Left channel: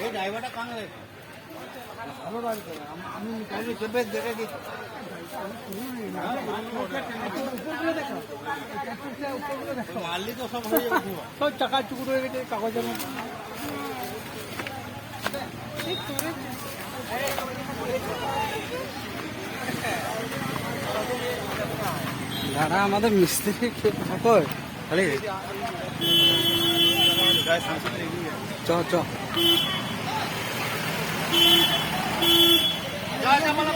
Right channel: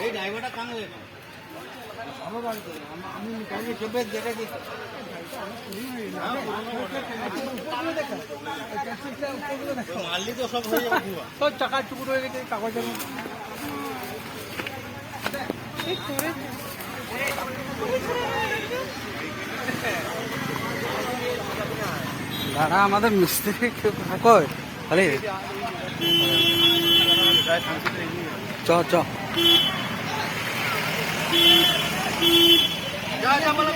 এই ড্রাইভারটা কানে ভালো গাড়ি করে আমি কালকে চেপে দেখেছি মারলি তো সব হয়ে যাবে সব টাকা চুকুর হয়ে গেছে কাগজের দাদা আমাদের মিস্ত্রি কই খালি চ চ যা যা বলে